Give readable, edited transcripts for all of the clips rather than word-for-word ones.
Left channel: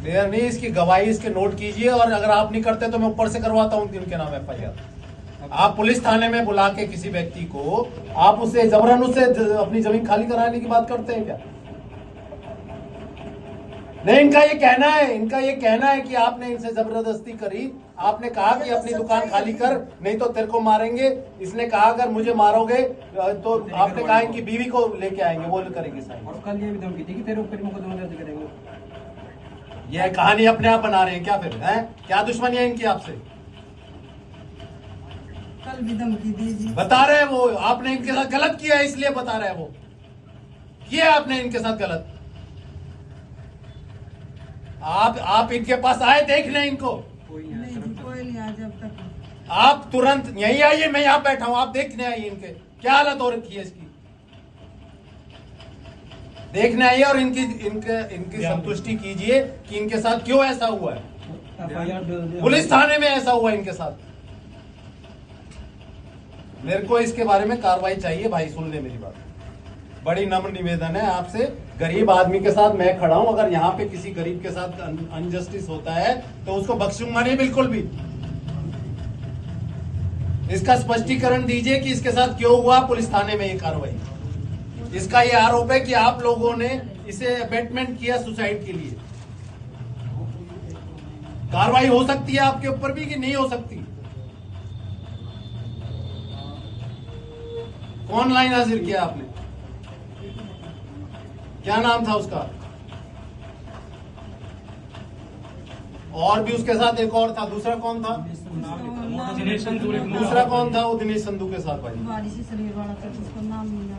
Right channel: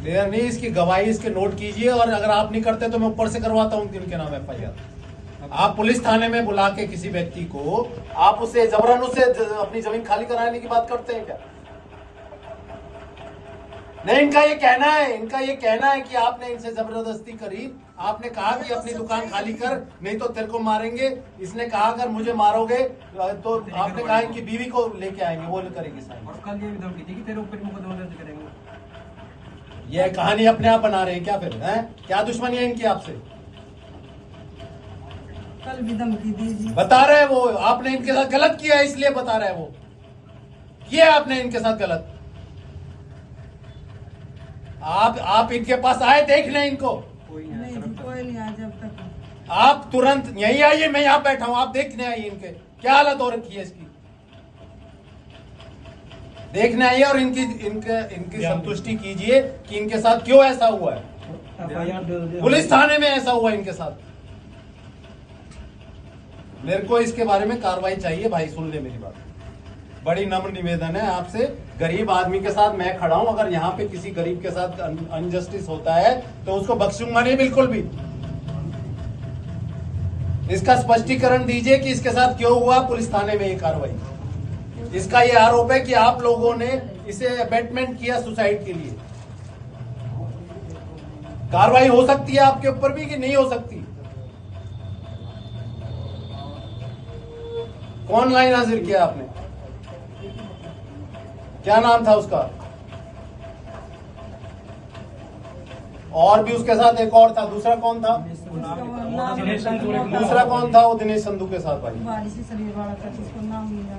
Clear नहीं, इसकी गवाही इसके नोट कीजिए, और अगर आप नहीं करते तो मैं ऊपर से करवाता हूँ उनके नाम FIR। आप पुलिस थाने में बुला के किसी व्यक्ति को आप उससे जबरन उससे अपनी जमीन खाली कराने की बात करते हैं क्या? नहीं, इनका ये कहना है कि आपने इनसे जबरदस्ती करी। आपने कहा कि अपनी दुकान खाली कर, नहीं तो तेरे को मारेंगे। इसने कहा अगर मुझे मारोगे तो आपने कहा इनकी बीवी को लेके आएंगे, वो करेंगे साइन। और कल ये भी धमकी थी कि तेरे ऊपर मुकदमा दर्ज करेंगे। ये कहानी अपने आप बना रहे हैं क्या फिर? हैं क्या दुश्मनी है इनकी आपसे? कल भी धमकी दी जी। बता रहे हैं वो, आपने इनके साथ गलत किया है इसलिए बता रहे हैं वो, किया आपने इनके साथ गलत। आप इनके पास आए देख लें इनको। कोई नहीं जी, कोई नहीं आया जब तक। आप तुरंत यहीं आइए, मैं यहाँ बैठा हूं, आप देखने आइए इनके क्या हालत हो रखी है इसकी, देखने आइए और इनकी संतुष्टि कीजिए कि इनके साथ क्यों ऐसा हुआ है। FIR पुलिस थाने में ऐसा हुआ इनके साथ। मेरे को इसके बारे में कार्रवाई चाहिए भाई, सुन ले मेरी बात। बड़ी नम्र निवेदन है आपसे, गरीब आदमी के साथ मैं खड़ा हूं। अगर यहाँ पे किसी गरीब के साथ अनजस्टिस होता है तो उसको बख्शूंगा नहीं बिल्कुल भी। इसका स्पष्टीकरण दीजिए कि इसके साथ क्यों हुआ पुलिस थाने में ये कार्रवाई। इसका ये आरोप है कि आप लोगों ने इसे अबेटमेंट किया सुसाइड के लिए। कार्रवाई हो सकती है आपके ऊपर भी कि नहीं हो सकती? कौन लाइन हाजिर किया आपने? क्या नाम था उसका? और भी उसके साथ एक और था, दूसरा कौन था? दूसरा कौन था वो दिनेश संधू के साथ? भाई बारिश से शरीर वाला था जिसको नाम मिला।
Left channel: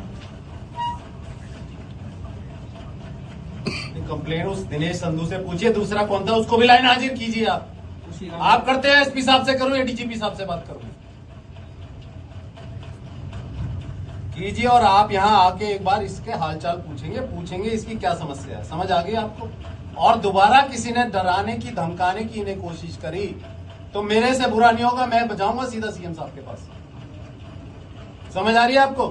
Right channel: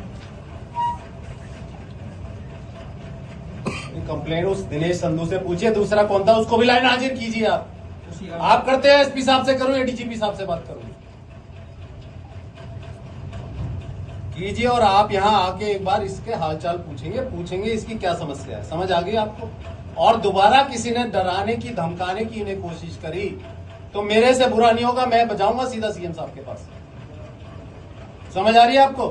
कंप्लेंट उस दिनेश संधू से पूछिए, दूसरा कौन था उसको भी लाइन हाजिर कीजिए। आप करते हैं SP साहब से करूं या DGP साहब से बात करूं? कीजिए, और आप यहाँ आके एक बार इसके हालचाल पूछेंगे इसकी क्या समस्या है, समझ आ गई आपको? और दोबारा किसी ने डराने की धमकाने की इन्हें कोशिश करी तो मेरे से बुरा नहीं होगा, मैं बजाऊंगा सीधा CM साहब के पास। समझ आ रही है आपको?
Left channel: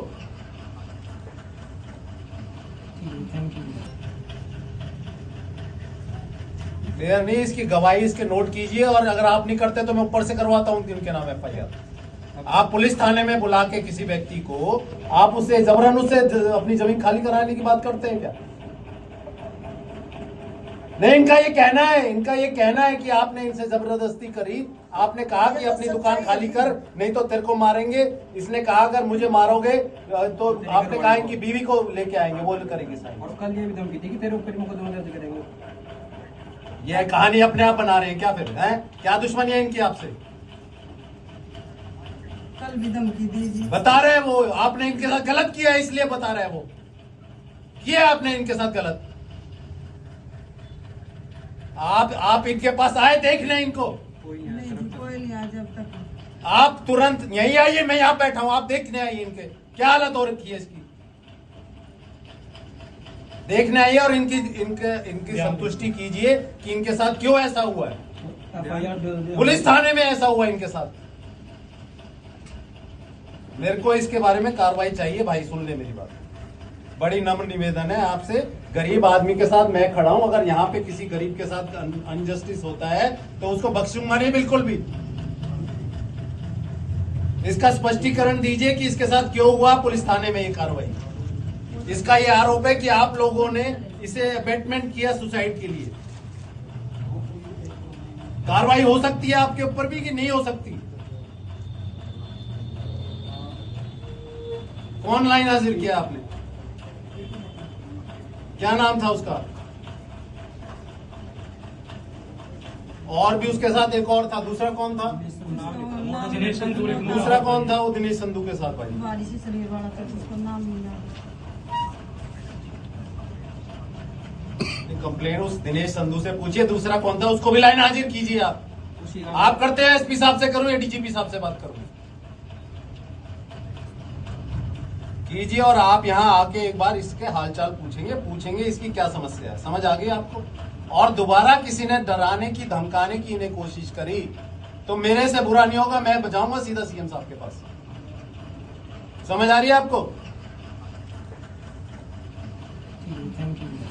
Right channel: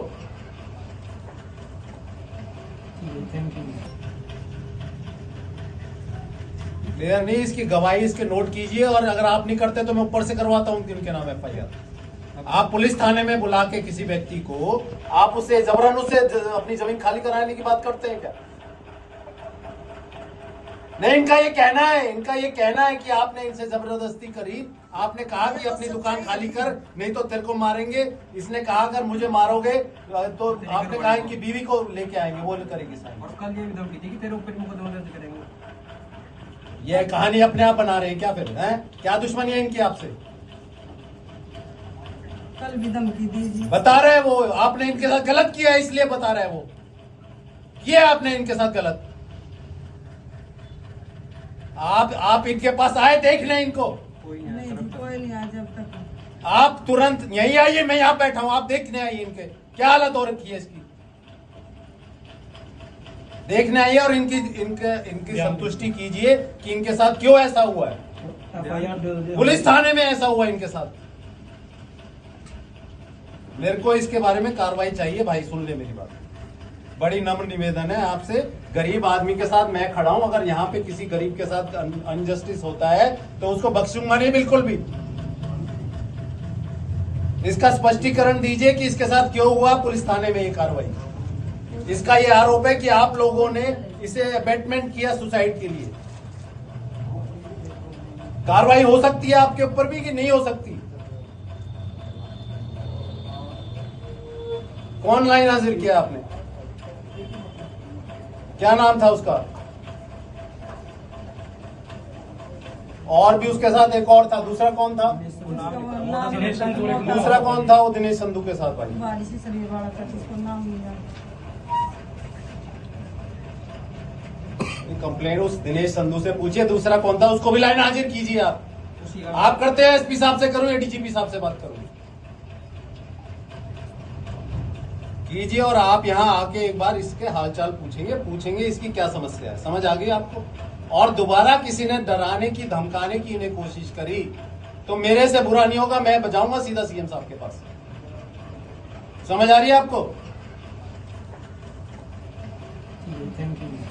Thank you. क्लियर नहीं, इसकी गवाही इसके नोट कीजिए, और अगर आप नहीं करते तो मैं ऊपर से करवाता हूँ उनके नाम FIR। आप पुलिस थाने में बुला के किसी व्यक्ति को आप उससे जबरन उससे अपनी जमीन खाली कराने की बात करते हैं क्या? नहीं, इनका ये कहना है कि आपने इनसे जबरदस्ती करी। आपने कहा कि अपनी दुकान खाली कर, नहीं तो तेरे को मारेंगे। इसने कहा अगर मुझे मारोगे तो आपने कहा इनकी बीवी को लेके आएंगे, वो करेंगे साइन। और कल ये भी धमकी थी कि तेरे ऊपर मुकदमा दर्ज करेंगे। ये कहानी अपने आप बना रहे हैं क्या फिर? हैं क्या दुश्मनी है इनकी आपसे? कल भी धमकी दी जी। बता रहे हैं वो, आपने इनके साथ गलत किया है इसलिए बता रहे हैं वो, किया आपने इनके साथ गलत। आप इनके पास आए देख लें इनको। नहीं जी, कोई नहीं आया जब तक। आप तुरंत यहीं आइए, मैं यहाँ बैठा हूं, आप देखने आइए इनके क्या हालत हो रखी है इसकी, देखने आइए और इनकी संतुष्टि कीजिए कि इनके साथ क्यों ऐसा हुआ है। FIR पुलिस थाने में ऐसा हुआ इनके साथ। मेरे को इसके बारे में कार्रवाई चाहिए भाई, सुन ले मेरी बात। बड़ी नम्र निवेदन है आपसे, गरीब आदमी के साथ मैं खड़ा हूं। अगर यहाँ पे किसी गरीब के साथ अनजस्टिस होता है तो उसको बख्शूंगा नहीं बिल्कुल भी। इसका स्पष्टीकरण दीजिए कि इसके साथ क्यों हुआ पुलिस थाने में ये कार्रवाई। इसका ये आरोप है कि आप लोगों ने इसे अबेटमेंट किया सुसाइड के लिए। कार्रवाई हो सकती है आपके ऊपर भी कि नहीं हो सकती? कौन लाइन हाजिर किया आपने? क्या नाम था उसका? और भी उसके साथ एक और था, दूसरा कौन था? दूसरा कौन था वो दिनेश संधू के साथ? भाई बारिश से शरीर वाला था जिसको नाम मिला। कंप्लेंट उस दिनेश संधू से पूछिए, दूसरा कौन था उसको भी लाइन हाजिर कीजिए। आप करते हैं SP साहब से करूं या DGP साहब से बात करूं? कीजिए, और आप यहाँ आके एक बार इसके हालचाल पूछेंगे इसकी क्या समस्या है, समझ आ गई आपको? और दोबारा किसी ने डराने की धमकाने की इन्हें कोशिश करी तो मेरे से बुरा नहीं होगा, मैं बजाऊंगा सीधा CM साहब के पास। समझ आ रही है आपको? Thank you.